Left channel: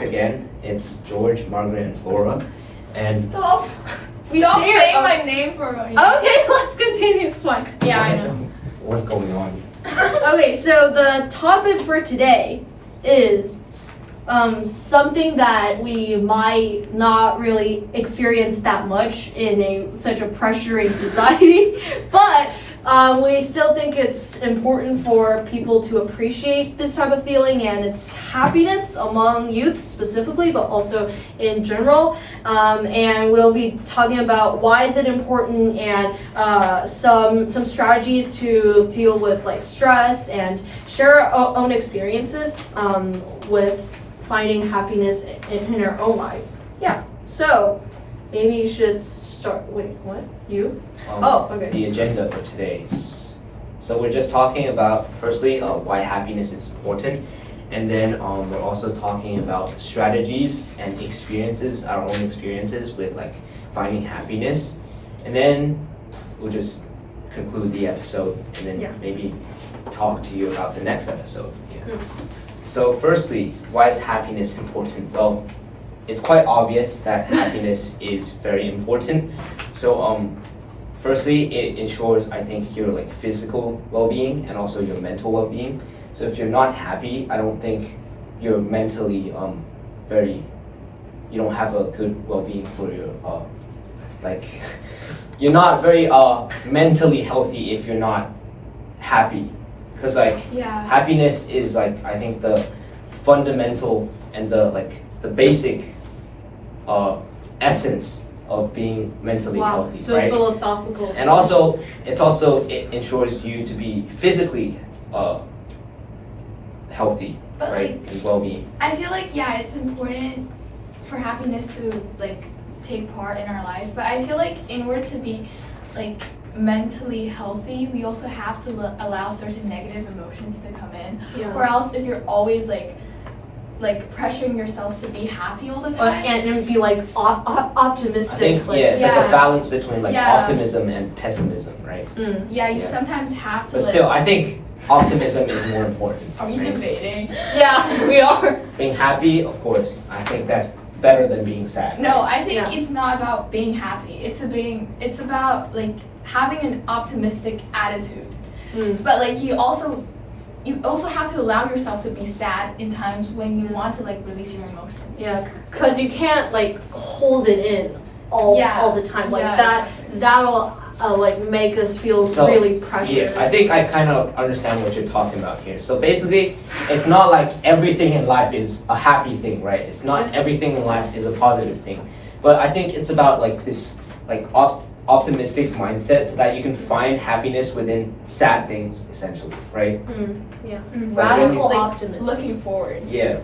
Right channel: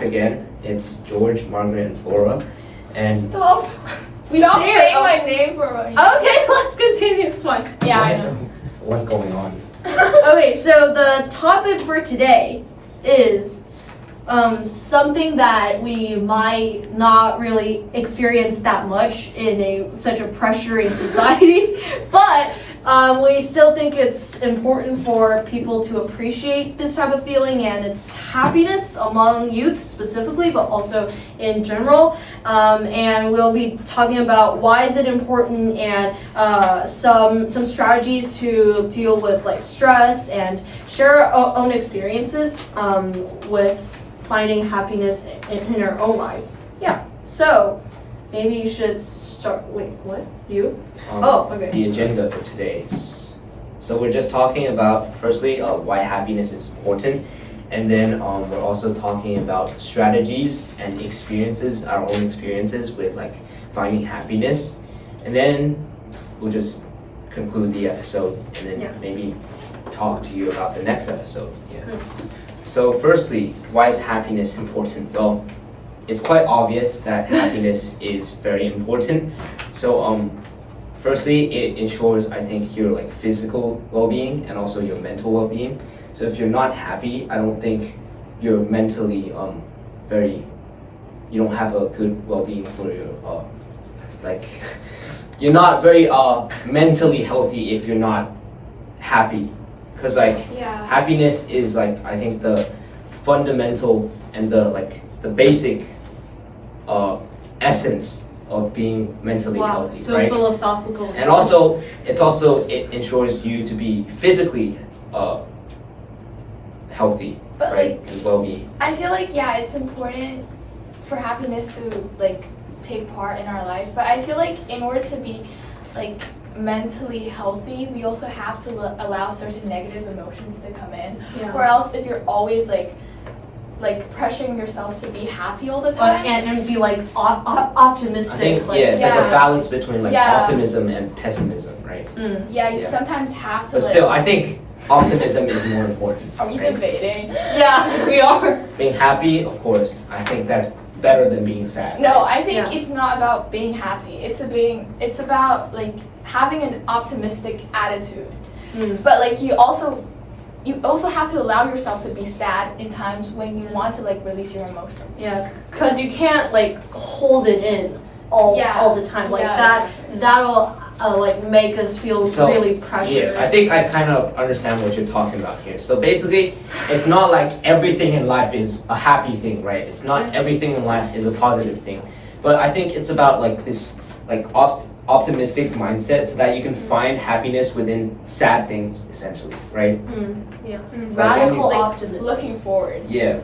back again. It's George, Margaret, and Flora. And Stop saying my name for me. Okay, let's continue. It's fine. Yeah, I know. what's going on? Okay, so the topic for today is something that we might not really experience that much in such a pressuring society, but we still think it's important for people to appreciate this type of feeling, and it's happiness among youth specifically, but also in general. And we'll be talking about why is it important, and some strategies to deal with like stress, and share our own experiences with finding happiness in our own lives. Yeah. So maybe you should start. Wait, what? You? Okay. The agenda for today. So we're just talking about, firstly, why happiness is important. And then we're also talking about strategies and experiences, our own experiences with like finding happiness. And then we'll just conclude the episode and then maybe talk to you about the next episode. Yeah. So firstly, why is happiness important? Well, it's quite obvious that happiness is very important. So firstly, it ensures, I think, your like physical well-being and also your mental well-being. So if you're not happy, I don't think you're mentally you don't have a good well-being for your like you're not very mentally healthy if you're not happy. Because like happiness is like, I think, the fundamental and the basic essence of being mentally healthy. So right? philosophical. And also it ensures you to be physically healthy, but right? like, and well-being. I feel like it's important for happiness to like take part in our life, but I feel like in order to be like mentally healthy, we also have to allow certain negative emotions to come in. Or else if you're always like pressuring yourself to be happy all the time and be like optimistic. I think, it's like a balance between like optimism and pessimism, right? You sometimes have to. But still, I think optimism is more important. Are we debating? Yeah, we are. Being happy, of course, I think that's better than being sad. No, I think it's not about being happy. It's about like having an optimistic attitude. But like you also have to allow yourself to be sad in times when you want to like release your emotions. Yeah, because you can't like hold it in all the time. Like that'll like make us feel really pressured. Yeah, I think I kind of understand what you're talking about here. So basically, it's not like everything in life is a happy thing, right? It's not everything in life is a positive thing. But I think it's about like this like optimistic mindset so that you can find happiness within sad things, essentially, right? Radical optimism. Looking forward. Yeah.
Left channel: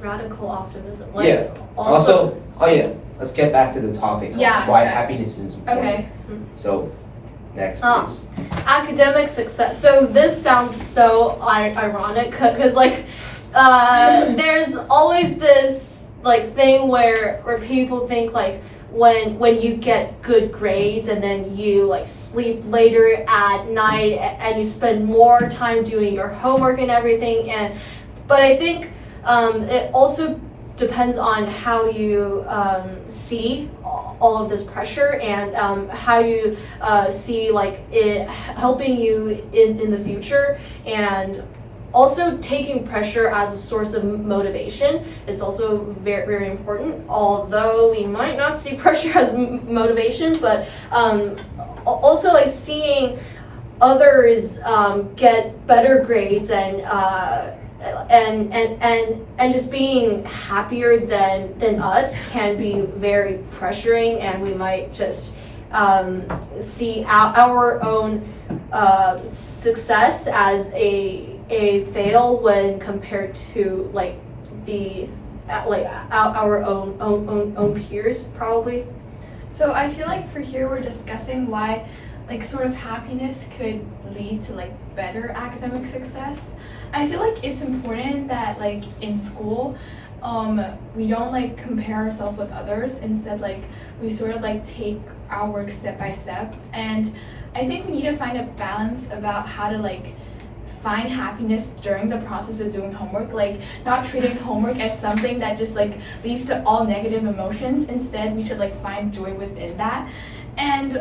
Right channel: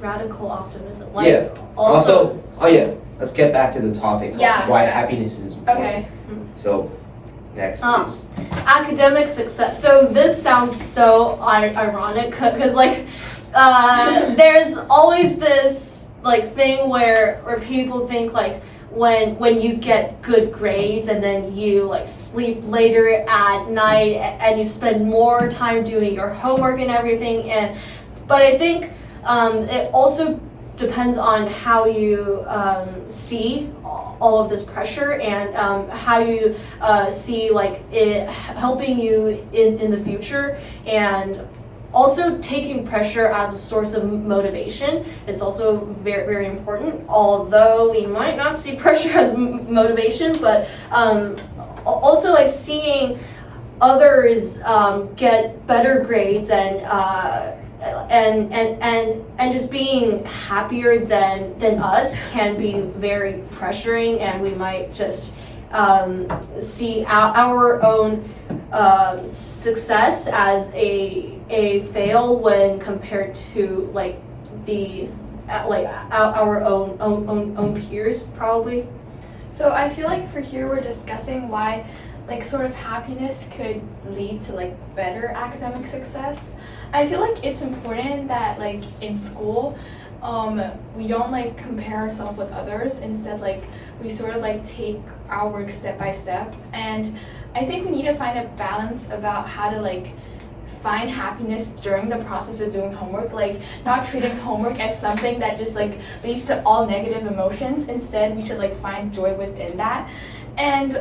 Radical optimism. Also, let's get back to the topic. Why happiness is important. Okay. So, next, please. Academic success. So this sounds so ironic because like there's always this like thing where people think like when you get good grades and then you like sleep later at night and you spend more time doing your homework and everything, but I think it also depends on how you see all of this pressure and how you see like it helping you in the future, and also taking pressure as a source of motivation. It's also very, very important, although we might not see pressure as motivation, but also like seeing others get better grades and just being happier than us can be very pressuring, and we might just see our own success as a fail when compared to like our own peers probably. So I feel like for here we're discussing why like sort of happiness could lead to like better academic success. I feel like it's important that like in school we don't like compare ourselves with others. Instead, like we sort of like take our work step by step, and I think we need to find a balance about how to like find happiness during the process of doing homework, like not treating homework as something that just like leads to all negative emotions. Instead, we should like find joy within that. And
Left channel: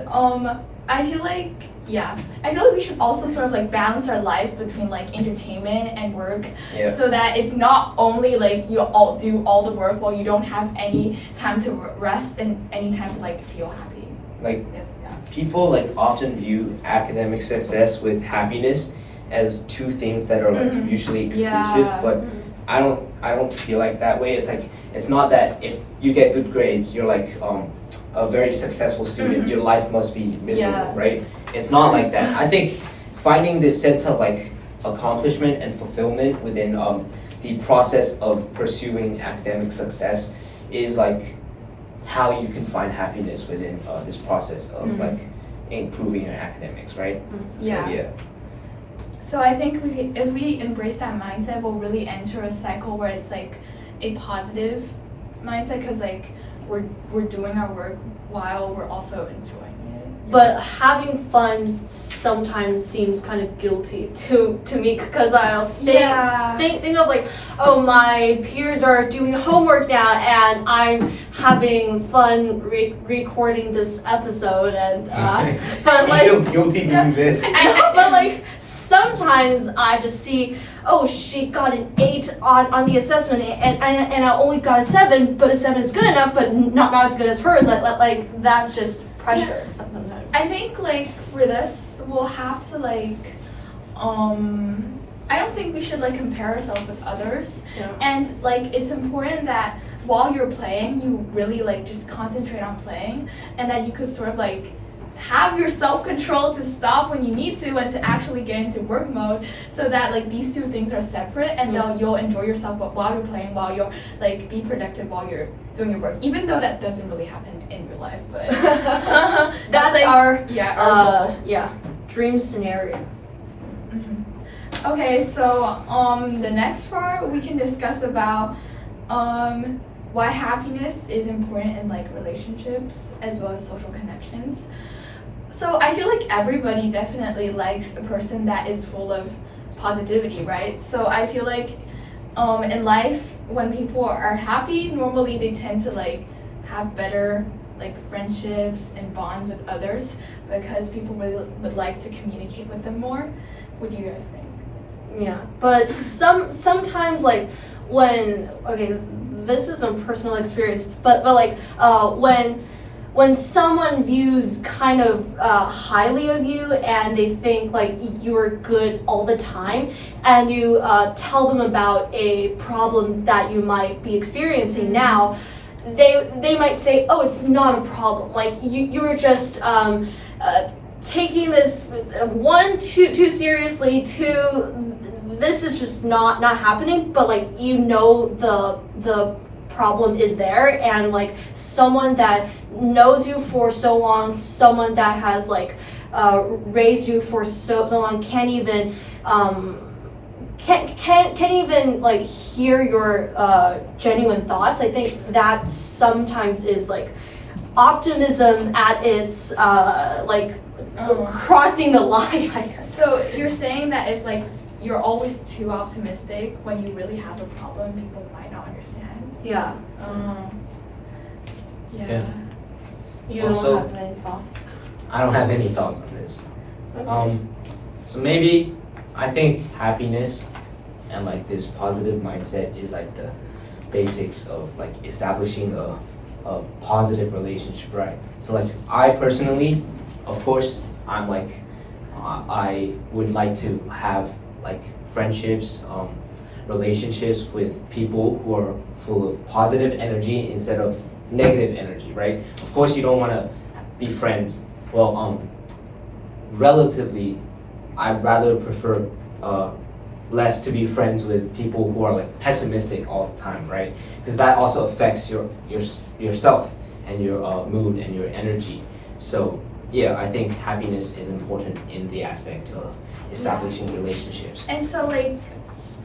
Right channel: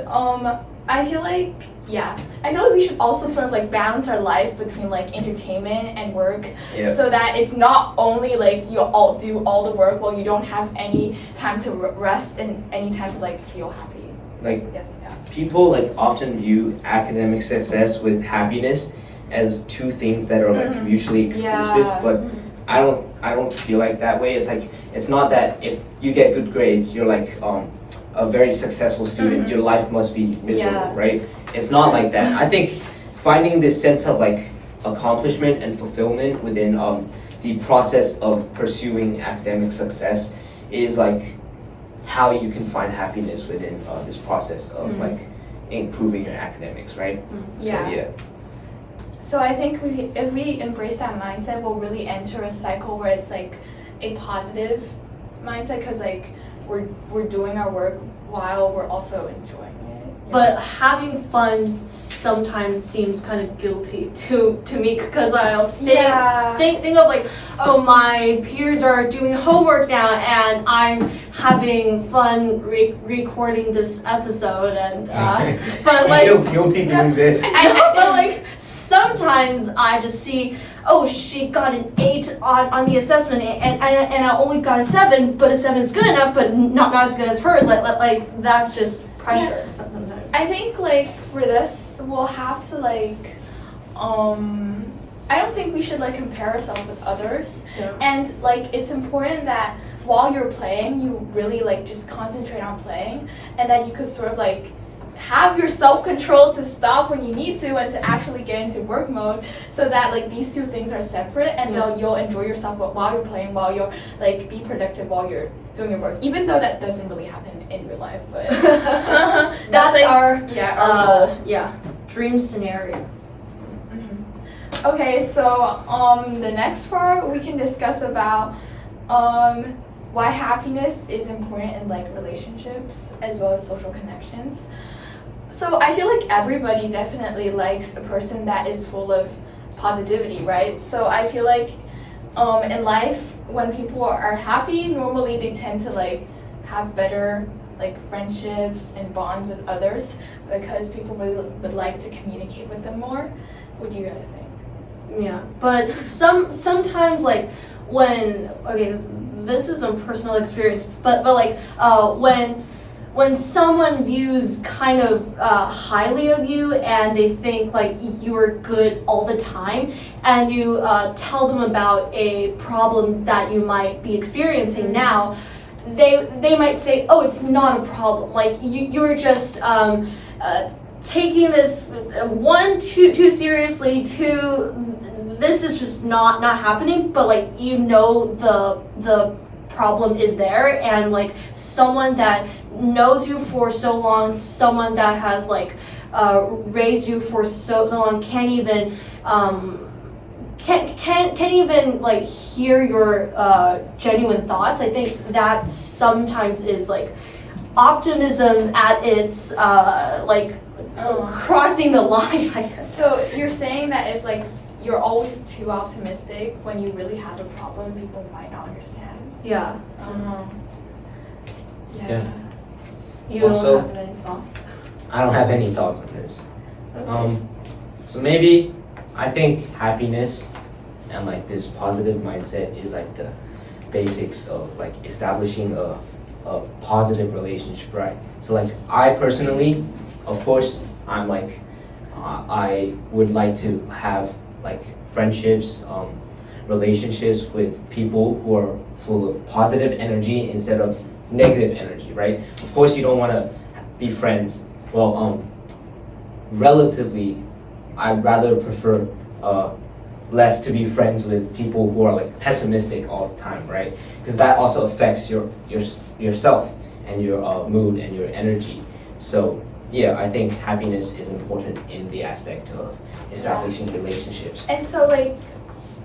I feel like we should also sort of like balance our life between like entertainment and work, so that it's not only like you all do all the work while you don't have any time to rest and any time to like feel happy. Like Yes, yeah. people like often view academic success with happiness as two things that are like mutually exclusive, Yeah. but I don't feel like that way. It's like it's not that if you get good grades, you're like a very successful student, your life must be miserable, right? It's not like that. I think finding this sense of like accomplishment and fulfillment within the process of pursuing academic success is like how you can find happiness within this process of like improving your academics, right? Yeah. So yeah. So I think if we embrace that mindset, we'll really enter a cycle where it's like a positive mindset, because like we're doing our work while we're also enjoying it. But having fun sometimes seems kind of guilty to me, because I'll think of like, oh, my peers are doing homework now and I'm having fun recording this episode, and but like I feel guilty doing this. but like sometimes I just see, oh, she got an 8 on the assessment, and I only got a 7, but a 7 is good enough, but not as good as hers. Like that's just pressure sometimes. I think like for this we'll have to like I don't think we should like compare ourselves with others. Yeah. And like it's important that while you're playing you really like just concentrate on playing, and that you could sort of like have your self-control to stop when you need to and to actually get into work mode, so that like these two things are separate, and you'll enjoy yourself while you're playing, while you're like be productive while you're doing your work, even though that doesn't really happen in real life, but that's like, our goal. dream scenario. Okay, so the next part we can discuss about why happiness is important in like relationships as well as social connections. So I feel like everybody definitely likes a person that is full of positivity, right? So I feel like in life when people are happy, normally they tend to like have better like friendships and bonds with others, because people really would like to communicate with them more. What do you guys think? Yeah, but sometimes like this is a personal experience, but like when someone views kind of highly of you, and they think like you're good all the time, and you tell them about a problem that you might be experiencing now, they might say, oh, it's not a problem, like you're just taking this too seriously, this is just not happening, but like the problem is there, and like someone that knows you for so long, someone that has like raised you for so long can't even like hear your genuine thoughts. I think that sometimes is like optimism at its crossing the line, I guess. So you're saying that if like you're always too optimistic, when you really have a problem, people might not understand. Yeah. Yeah. You Also, don't have any thoughts? I don't have any thoughts on this. Okay. So maybe I think happiness and like this positive mindset is like the basics of like establishing a positive relationship, right? So like I personally, of course, I'm like I would like to have like friendships, relationships with people who are full of positive energy instead of negative energy, right? Of course, you don't want to be friends. Well, relatively, I'd rather prefer less to be friends with people who are like pessimistic all the time, right? Because that also affects yourself and your mood and your energy. So yeah, I think happiness is important in the aspect of establishing relationships. And so like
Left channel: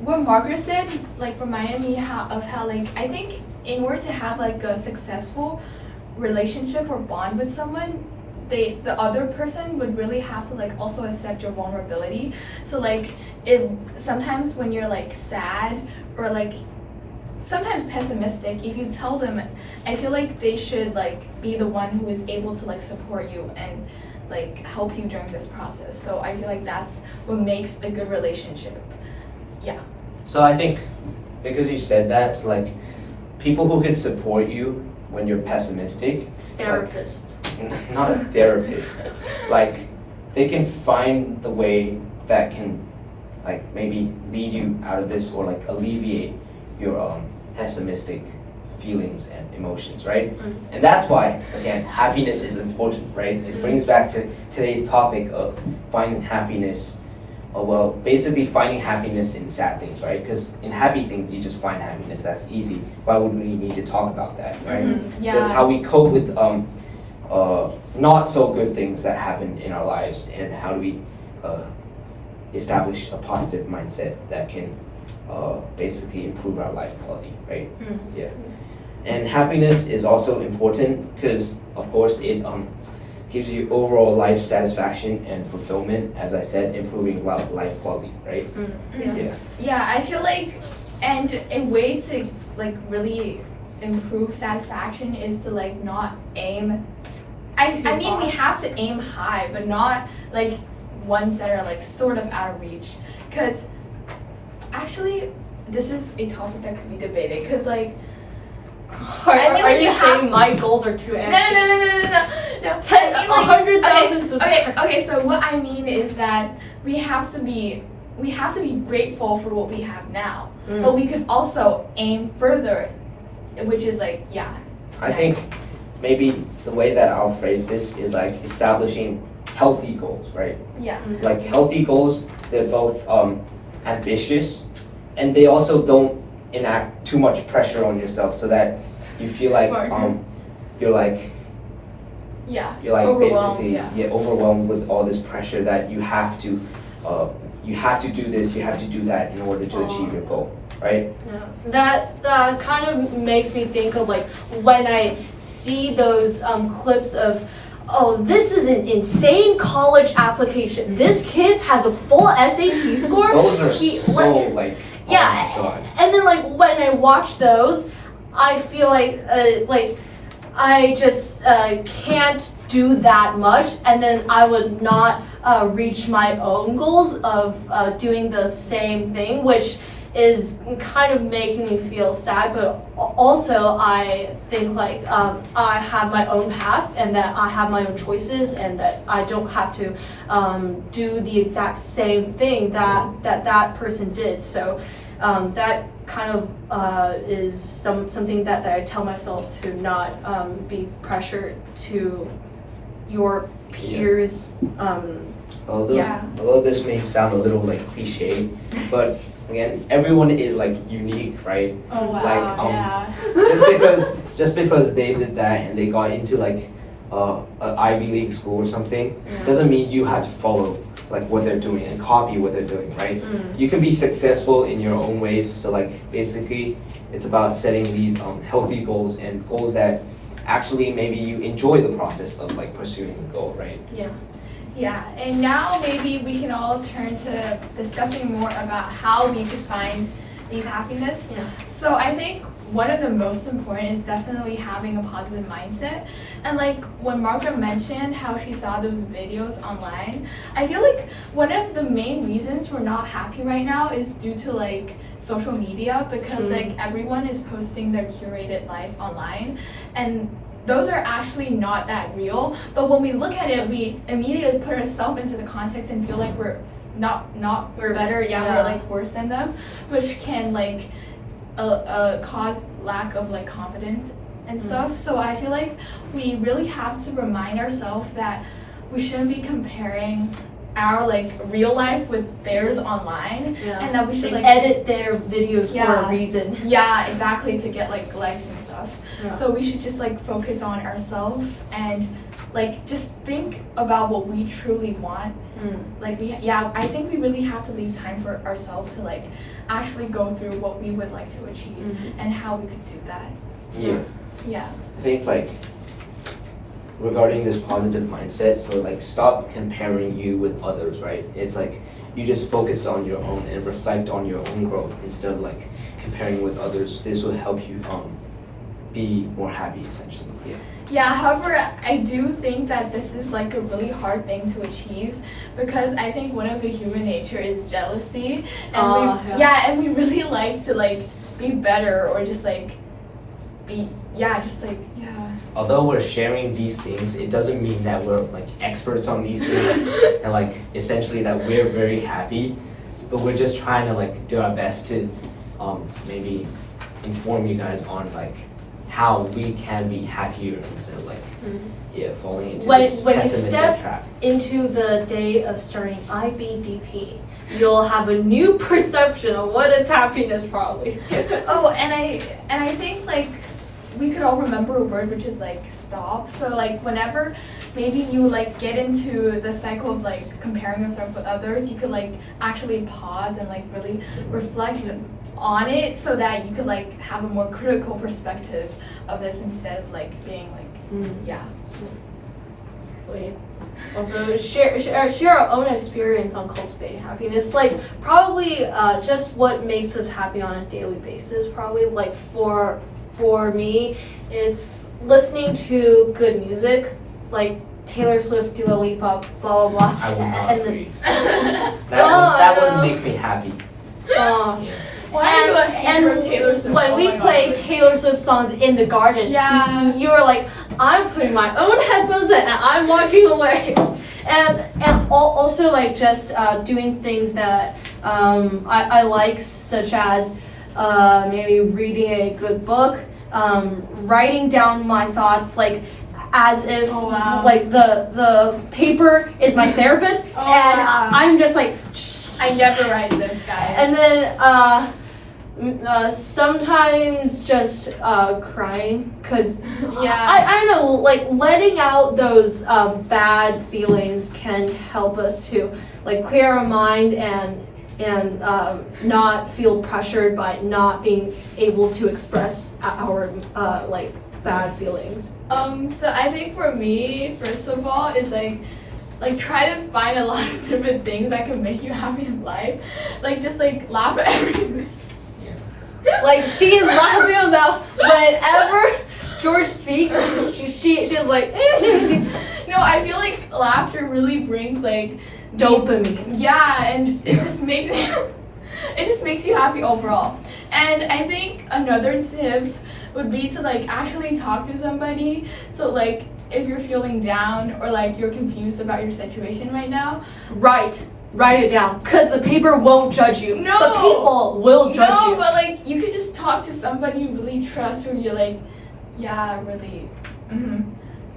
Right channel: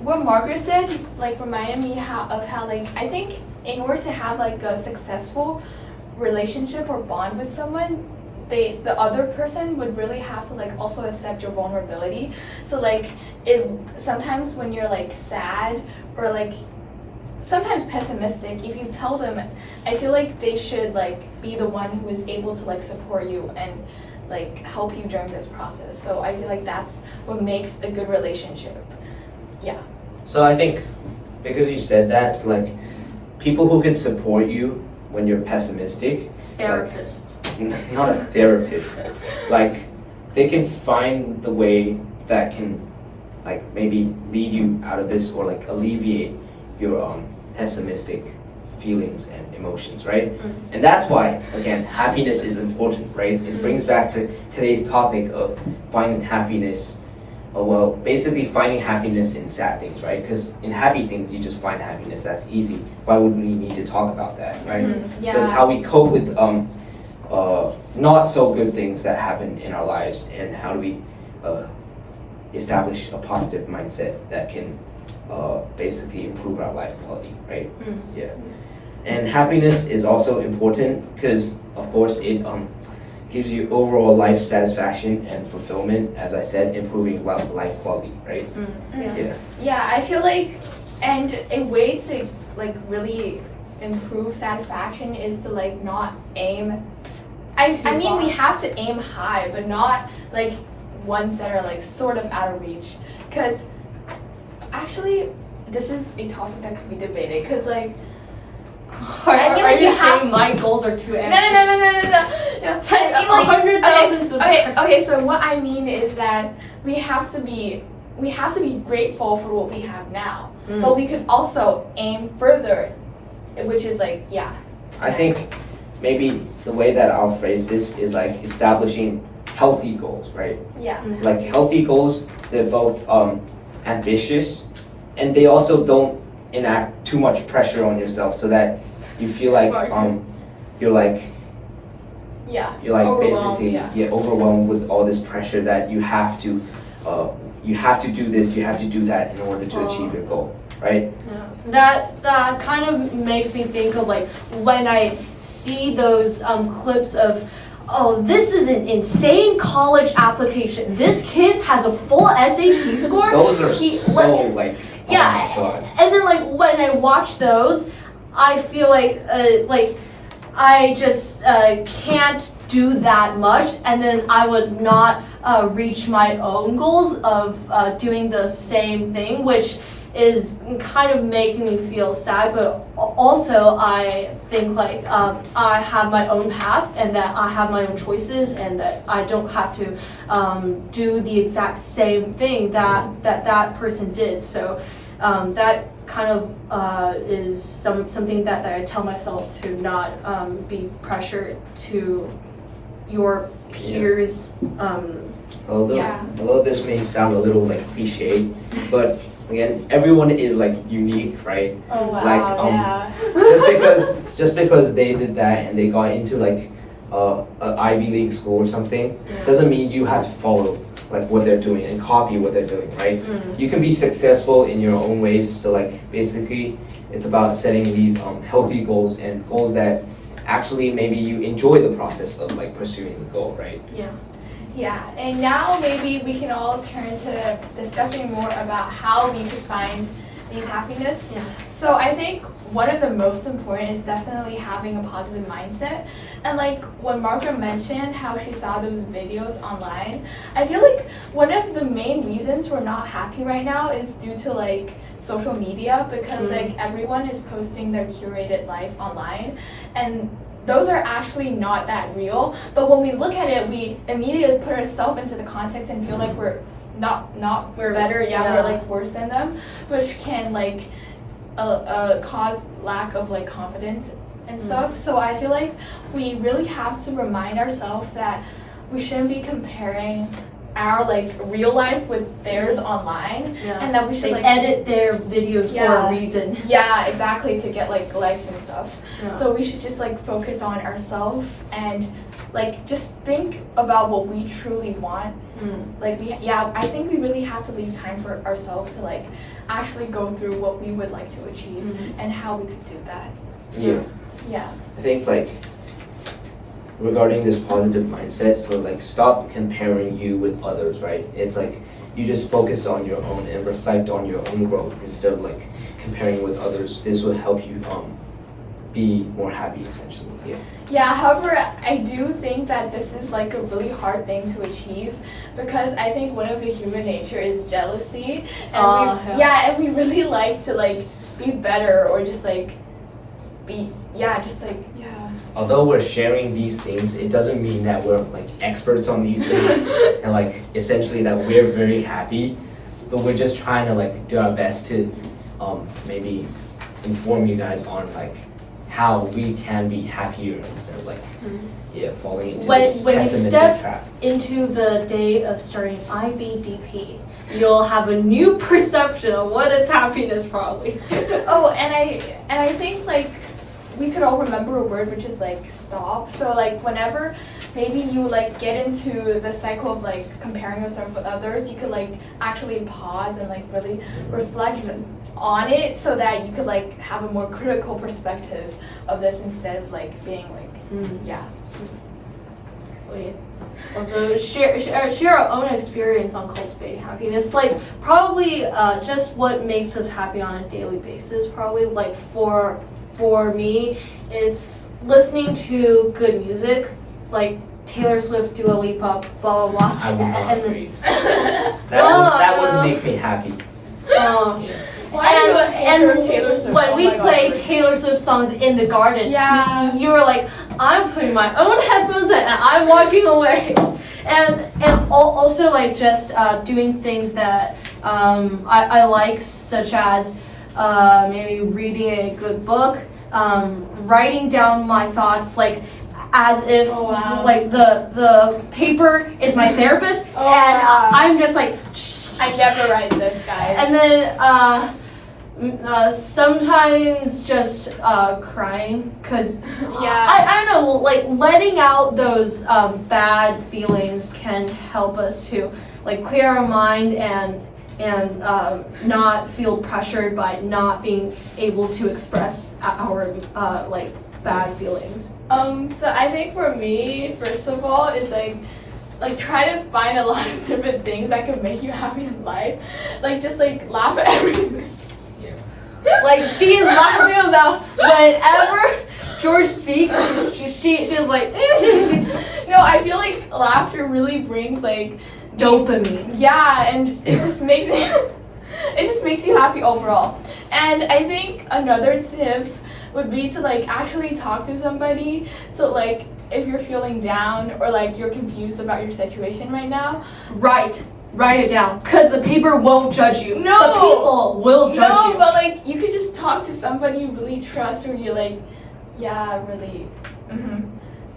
what Margaret said like reminded me of how like I think in order to have like a successful relationship or bond with someone, the other person would really have to like also accept your vulnerability. So like if sometimes when you're like sad or like sometimes pessimistic, if you tell them, I feel like they should like be the one who is able to like support you and like help you during this process. So I feel like that's what makes a good relationship. Yeah. So I think because you said that, it's like people who can support you when you're pessimistic, Therapist. like, not a therapist, like they can find the way that can like maybe lead you out of this or like alleviate your pessimistic feelings and emotions, right? And that's why, again, happiness is important, right? It brings back to today's topic of finding happiness, well, basically finding happiness in sad things, right? Because in happy things, you just find happiness, that's easy. Why would we need to talk about that, right? Yeah. So it's how we cope with not so good things that happen in our lives, and how do we establish a positive mindset that can basically improve our life quality, right? Yeah. And happiness is also important because, of course, it gives you overall life satisfaction and fulfillment, as I said, improving life quality, right? Yeah. Yeah, I feel like, and a way to like really improve satisfaction is to like not aim. I mean, we have to aim high, but not like ones that are like sort of out of reach. Because actually, this is a topic that could be debated. Because like, Are you saying my goals are too ambitious? No. 100,000 subscribers. Okay, so what I mean is that we have to be grateful for what we have now, but we could also aim further, which is like, yeah. I think maybe the way that I'll phrase this is like establishing healthy goals, right? Yeah. Like healthy goals, they're both ambitious, and they also don't enact too much pressure on yourself, so that you feel like you're like overwhelmed, basically overwhelmed with all this pressure that you have to do this, you have to do that in order to achieve your goal, right? Yeah. That kind of makes me think of like when I see those clips of, oh, this is an insane college application. This kid has a full SAT score. Those are so like, yeah, oh my God. And then like when I watch those, I feel like I just can't do that much, and then I would not reach my own goals of doing the same thing, which is kind of making me feel sad. But also I think like I have my own path, and that I have my own choices, and that I don't have to do the exact same thing that person did. So that kind of is something that I tell myself to not be pressured to your peers. Although this may sound a little like cliche, but again, everyone is like unique, right? Oh wow. Like just because they did that and they got into like an Ivy League school or something, doesn't mean you have to follow like what they're doing and copy what they're doing, right? You can be successful in your own ways. So like basically it's about setting these healthy goals, and goals that actually maybe you enjoy the process of like pursuing the goal, right? Yeah, and now maybe we can all turn to discussing more about how we could find these happiness. So I think one of the most important is definitely having a positive mindset. And like when Margaret mentioned how she saw those videos online, I feel like one of the main reasons we're not happy right now is due to like social media, because like everyone is posting their curated life online, and those are actually not that real. But when we look at it, we immediately put ourselves into the context and feel like we're we're better, we're like worse than them, which can like cause lack of like confidence and stuff. So I feel like we really have to remind ourselves that we shouldn't be comparing our like real life with theirs online, and that we should like edit their videos for a reason. Yeah, exactly, to get like likes and stuff. So we should just like focus on ourselves and like just think about what we truly want. Like I think we really have to leave time for ourselves to like actually go through what we would like to achieve and how we could do that. I think like regarding this positive mindset. So like stop comparing you with others, right? It's like you just focus on your own and reflect on your own growth instead of like comparing with others. This will help you be more happy essentially. Yeah. Yeah, however, I do think that this is like a really hard thing to achieve because I think one of the human nature is jealousy. And and we really like to like be better or just like Although we're sharing these things, it doesn't mean that we're like experts on these things and like essentially that we're very happy. But we're just trying to like do our best to maybe inform you guys on like how we can be happier instead of like falling into this when you pessimistic step trap. into the day of starting IBDP, you'll have a new perception of what is happiness probably. Oh, and I think like we could all remember a word which is like stop. So like whenever maybe you like get into the cycle of like comparing yourself with others, you could like actually pause and like really reflect on it so that you could like have a more critical perspective of this instead of like being like Also share our own experience on cultivating happiness. Like probably just what makes us happy on a daily basis. Probably like for me, it's listening to good music, like Taylor Swift, Dua Lipa, blah blah blah. I will not and agree. That would make me happy. When we play Taylor Swift songs in the garden, you were like, I'm putting my own headphones in and I'm walking away. And also like just doing things that I like, such as maybe reading a good book, writing down my thoughts like as if like the paper is my therapist I'm just like I never write this, guys. And then sometimes just crying because I don't know, like letting out those bad feelings can help us to like clear our mind and not feel pressured by not being able to express our like bad feelings. So I think for me, first of all, is like try to find a lot of different things that can make you happy in life. Like just like laugh at everything. Like she's laughing about whenever George speaks, she's like No, I feel like laughter really brings like dopamine. Yeah, and it just makes you happy overall. And I think another tip would be to like actually talk to somebody. So like if you're feeling down or like you're confused about your situation right now, write it down, because the paper won't judge you. No, the people will judge you. No, but like you could just talk to somebody you really trust, where you're like, yeah, really.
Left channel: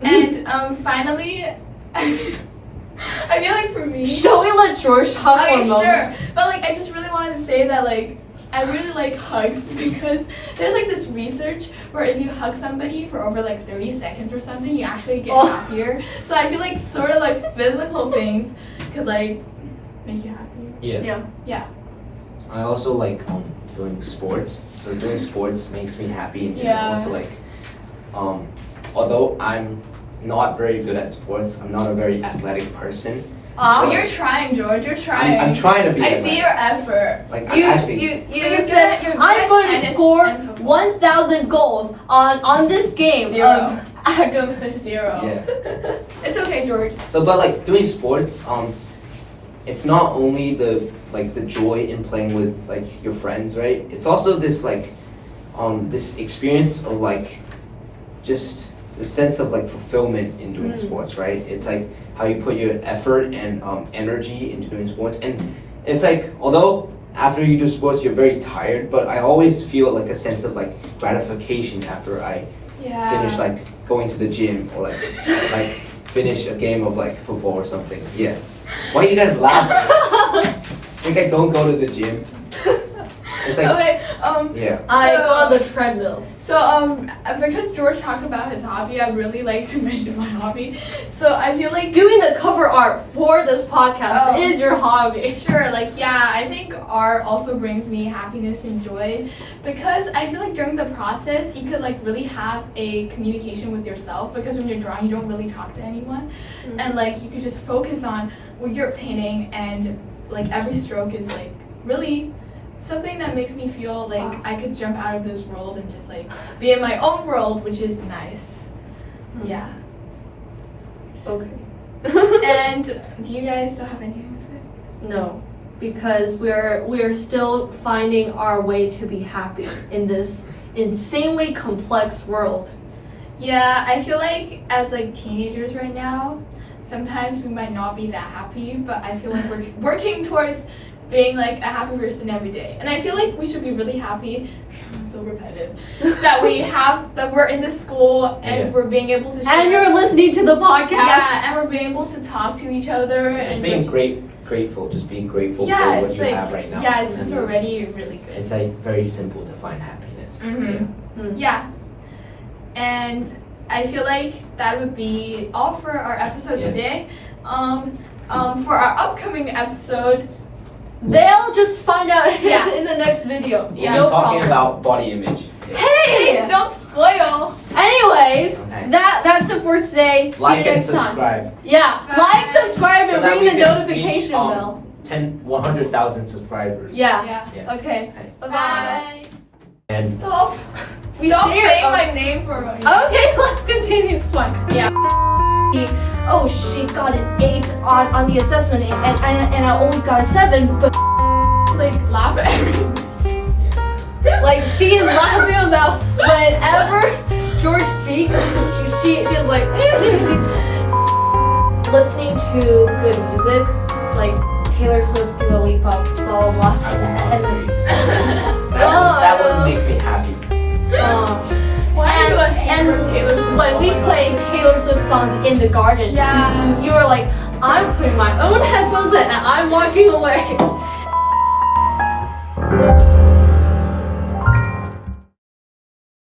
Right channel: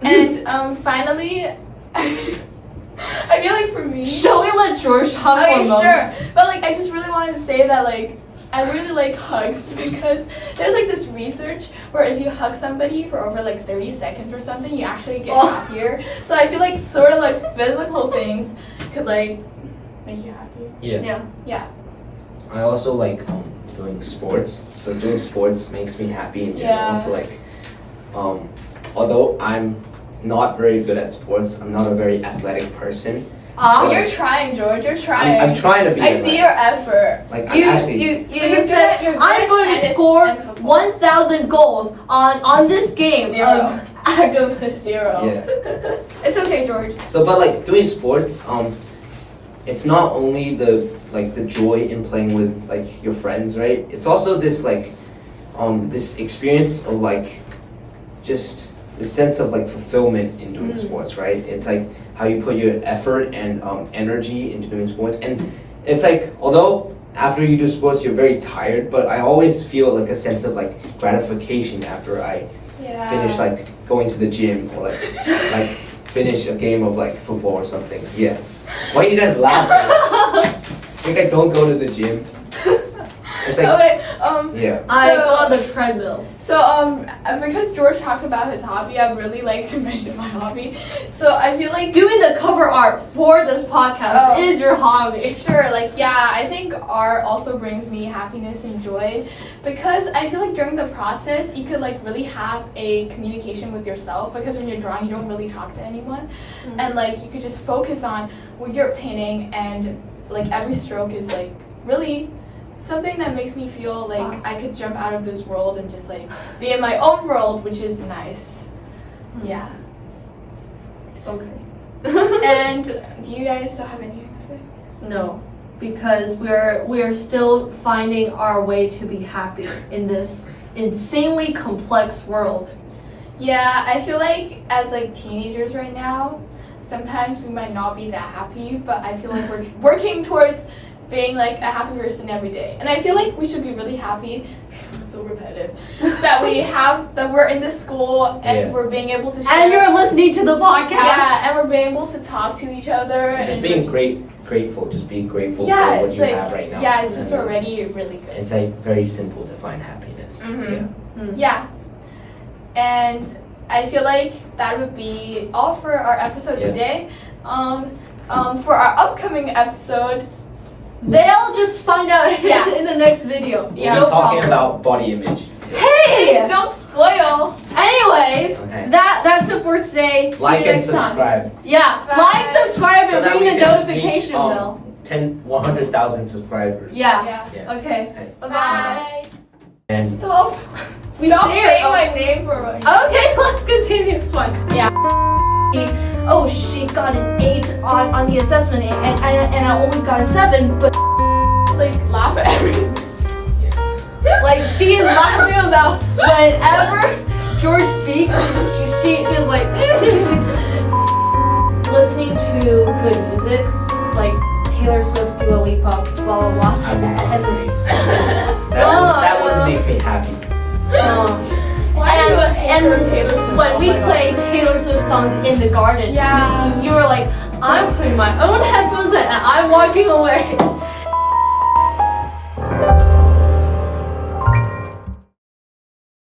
And finally, I feel like for me, shall we let George talk for a moment? Sure. But like I just really wanted to say that like I really like hugs, because there's like this research where if you hug somebody for over like 30 seconds or something, you actually get happier. So I feel like sort of like physical things could like make you happy. Yeah. I also like doing sports. So doing sports makes me happy, and also like although I'm not very good at sports, I'm not a very athletic person. You're trying, George. You're trying. I'm trying to be. I see your effort. Like you said I'm going to score 1,000 goals on this game. Zero. Of Zero. Yeah. It's okay, George. So, but like doing sports, it's not only the joy in playing with like your friends, right? It's also this like this experience of like just the sense of like fulfillment in doing sports, right? It's like how you put your effort and energy into doing sports, and it's like although after you do sports you're very tired, but I always feel like a sense of like gratification after I finish like going to the gym or like finish a game of like football or something. Yeah. Why are you guys laughing? Think I don't go to the gym? It's like Okay. yeah. I So- go on the treadmill. So because George talked about his hobby, I'd really like to mention my hobby. So I feel like Doing the cover art for this podcast Oh. is your hobby. sure, like yeah, I think art also brings me happiness and joy because I feel like during the process you could like really have a communication with yourself because when you're drawing you don't really talk to anyone and like you could just focus on what you're painting and like every stroke is like really something that makes me feel like Wow. I could jump out of this world and just like be in my own world, which is nice. Yeah. Okay. And do you guys still have anything to say? No, because we're still finding our way to be happy in this insanely complex world. Yeah, I feel like as like teenagers right now, sometimes we might not be that happy, but I feel like we're working towards being like a happy person every day. And I feel like we should be really happy, it's so repetitive, that we're in this school and Yeah. we're being able to share. And you're listening to the podcast. Yeah, and we're being able to talk to each other. Just and being we're grateful, just being grateful Yeah, for what it's you like, have right now. yeah, it's just And already really good. it's like very simple to find happiness. Mhm. Yeah. And I feel like that would be all for our episode Yeah. today. For our upcoming episode, They'll just find out Yeah. in the next video. We'll Yeah. No be talking problem. about body image. Hey! don't spoil. Anyways, Okay. that's it for today. See Like you and next time. subscribe. Yeah, Bye. like, subscribe, So and that ring we the can notification reach, bell. 100,000 subscribers. Yeah. Yeah. Yeah. Okay. Okay. Bye. Bye. And Stop. We Stop say it. saying Oh. my name for me. Okay, let's continue. It's fine. Yeah. Oh, she got an 8 on the assessment, and I only got a 7, but Like laugh at everything. like she's laughing about whenever George speaks, she's like listening to good music, like Taylor Swift, Dua Lipa, blah blah blah, I would and that would make me happy. Why do I and hate Taylor Swift? when Oh we my play Taylor Swift songs in the garden, Yeah. you were like, I'm putting my own headphones in and I'm walking away.